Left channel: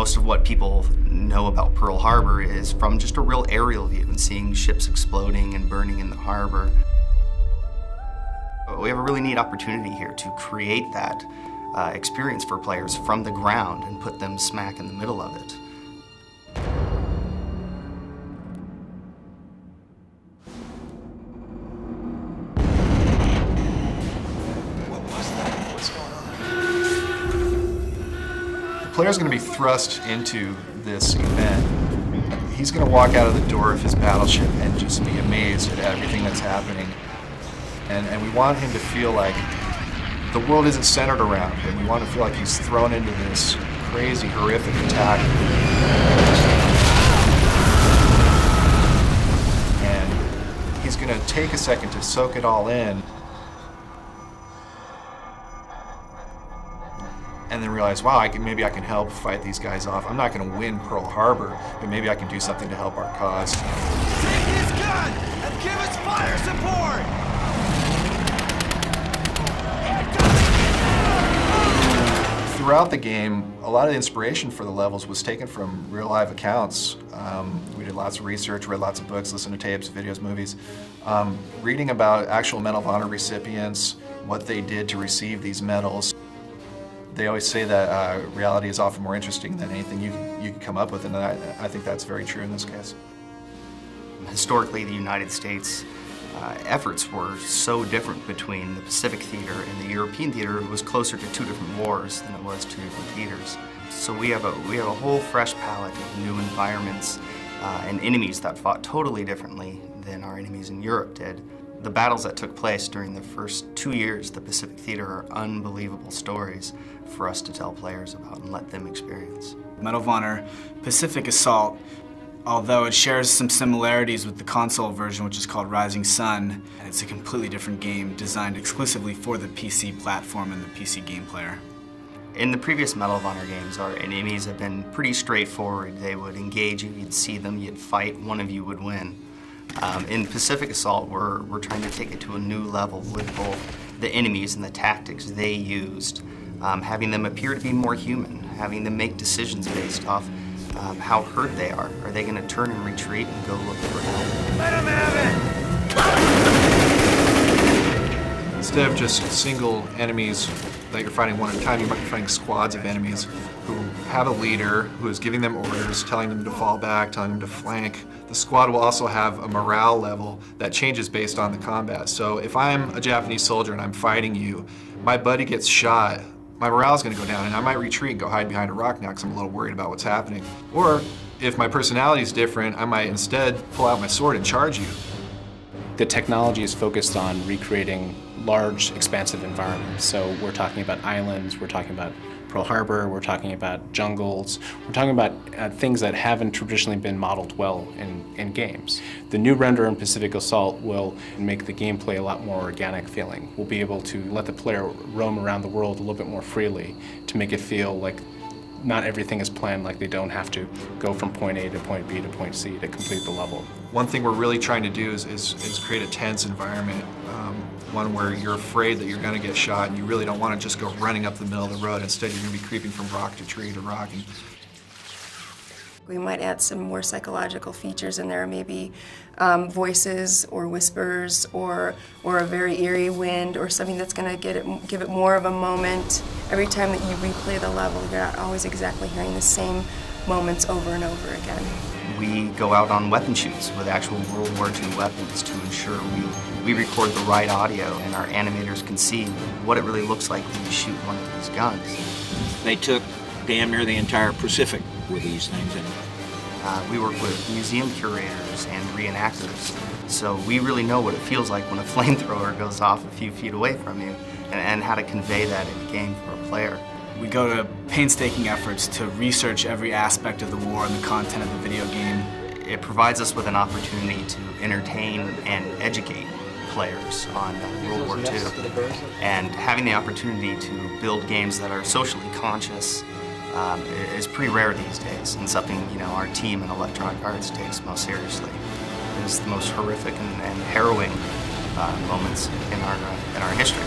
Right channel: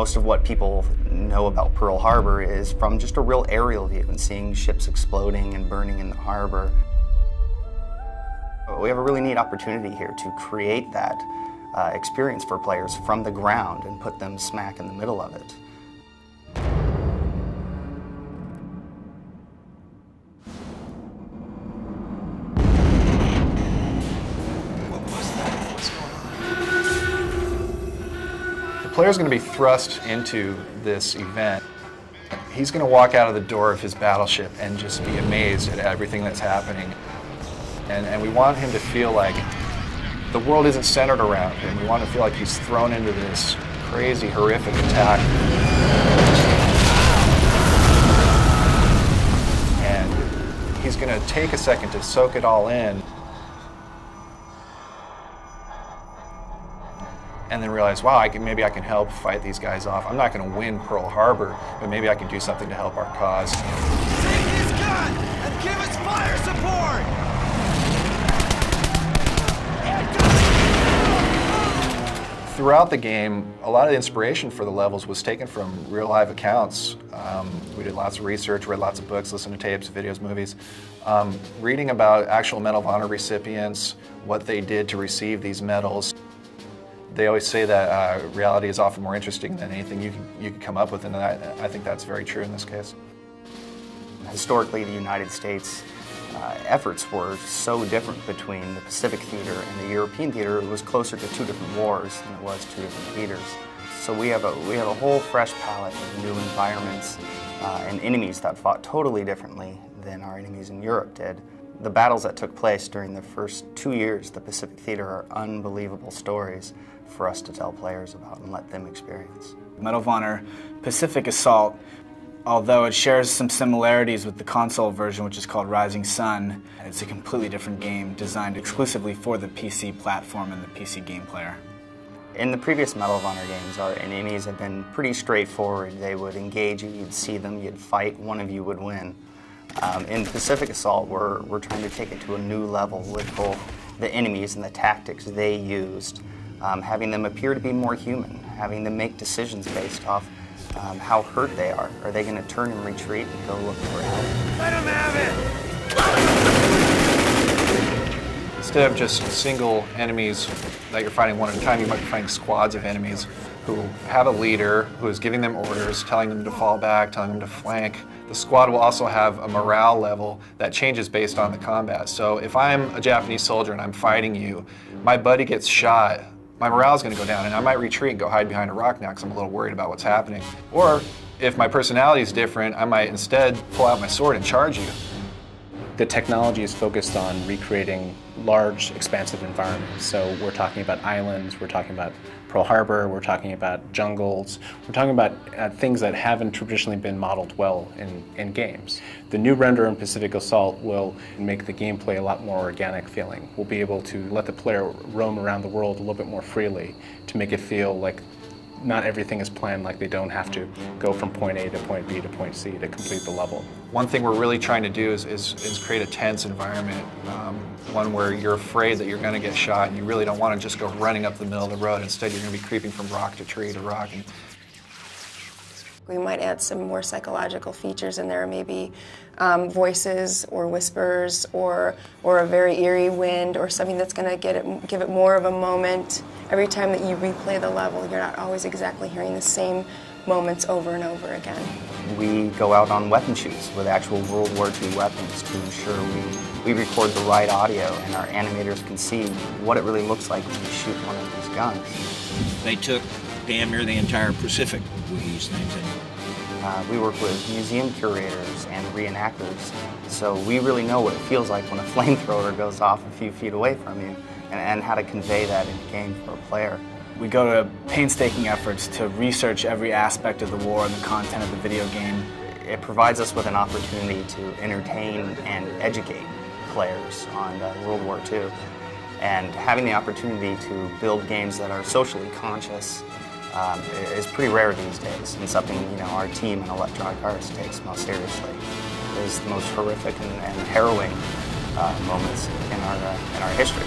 Most of what people know about Pearl Harbor is from just a real aerial view and seeing ships exploding and burning in the harbor. We have a really neat opportunity here to create that experience for players from the ground and put them smack in the middle of it. What was that? What's going on? The player's going to be thrust into this event. He's going to walk out of the door of his battleship and just be amazed at everything that's happening. And we want him to feel like the world isn't centered around him. We want to feel like he's thrown into this crazy, horrific attack. And he's going to take a second to soak it all in. And then realize, wow, maybe I can help fight these guys off. I'm not going to win Pearl Harbor, but maybe I can do something to help our cause. Take his gun and give us fire support! Throughout the game, a lot of the inspiration for the levels was taken from real live accounts. We did lots of research, read lots of books, listened to tapes, videos, movies. Reading about actual Medal of Honor recipients, what they did to receive these medals. They always say that reality is often more interesting than anything you can come up with, and I think that's very true in this case. Historically, the United States efforts were so different between the Pacific theater and the European theater. It was closer to two different wars than it was two different theaters. So we have a whole fresh palette of new environments and enemies that fought totally differently than our enemies in Europe did. The battles that took place during the first 2 years of the Pacific theater are unbelievable stories for us to tell players about and let them experience. Medal of Honor Pacific Assault, although it shares some similarities with the console version, which is called Rising Sun, it's a completely different game designed exclusively for the PC platform and the PC game player. In the previous Medal of Honor games, our enemies have been pretty straightforward. They would engage you, you'd see them, you'd fight, one of you would win. In Pacific Assault, we're trying to take it to a new level with both the enemies and the tactics they used, having them appear to be more human, having them make decisions based off how hurt they are. Are they going to turn and retreat and go look for help? Let him have it! Instead of just single enemies that you're fighting one at a time, you might be fighting squads of enemies who have a leader who is giving them orders, telling them to fall back, telling them to flank. The squad will also have a morale level that changes based on the combat. So if I'm a Japanese soldier and I'm fighting you, my buddy gets shot, my morale is going to go down and I might retreat and go hide behind a rock now because I'm a little worried about what's happening. Or if my personality is different, I might instead pull out my sword and charge you. The technology is focused on recreating large, expansive environments. So we're talking about islands, we're talking about Pearl Harbor, we're talking about jungles, we're talking about things that haven't traditionally been modeled well in games. The new render in Pacific Assault will make the gameplay a lot more organic feeling. We'll be able to let the player roam around the world a little bit more freely to make it feel like not everything is planned, like they don't have to go from point A to point B to point C to complete the level. One thing we're really trying to do is create a tense environment, one where you're afraid that you're going to get shot and you really don't want to just go running up the middle of the road. Instead, you're going to be creeping from rock to tree to rock. We might add some more psychological features in there, maybe voices or whispers or a very eerie wind or something that's going to give it more of a moment. Every time that you replay the level, you're not always exactly hearing the same moments over and over again. We go out on weapon shoots with actual World War II weapons to ensure we record the right audio and our animators can see what it really looks like when you shoot one of these guns. They took damn near the entire Pacific with these things. We work with museum curators and reenactors, so we really know what it feels like when a flamethrower goes off a few feet away from you and how to convey that in the game for a player. We go to painstaking efforts to research every aspect of the war and the content of the video game. It provides us with an opportunity to entertain and educate players on World War II. And having the opportunity to build games that are socially conscious is pretty rare these days, and something our team in Electronic Arts takes most seriously. It is the most horrific and harrowing moments in our history.